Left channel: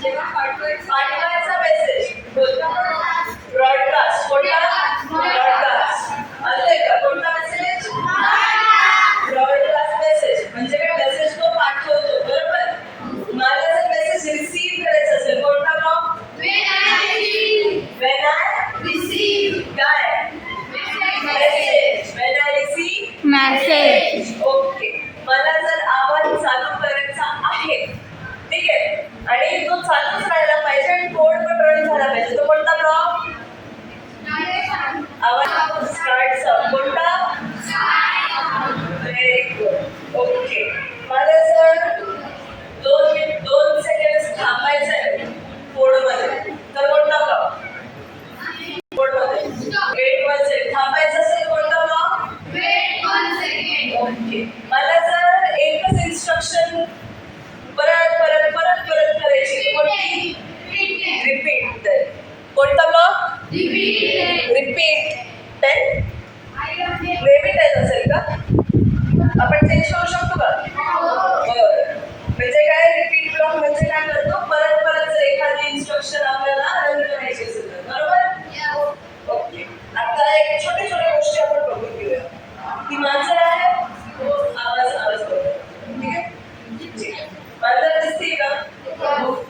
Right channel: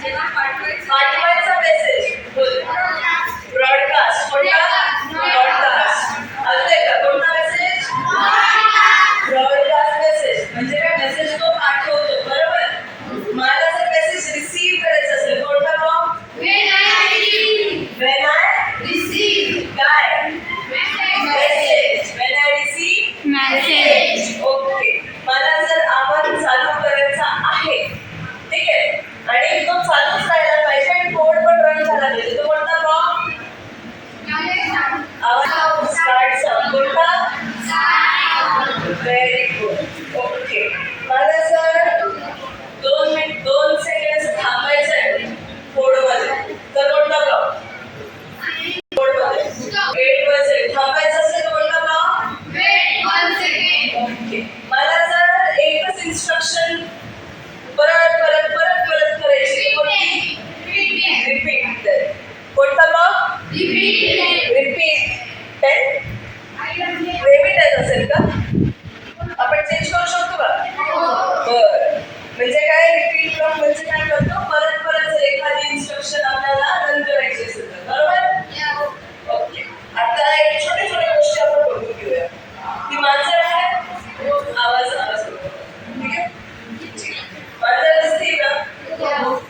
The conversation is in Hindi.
જેમાં ફાટો इंस्ट्रक्शन परत परत परत परत करायचे रिपीट रिपीट कोणता block repeat ten que é a boca.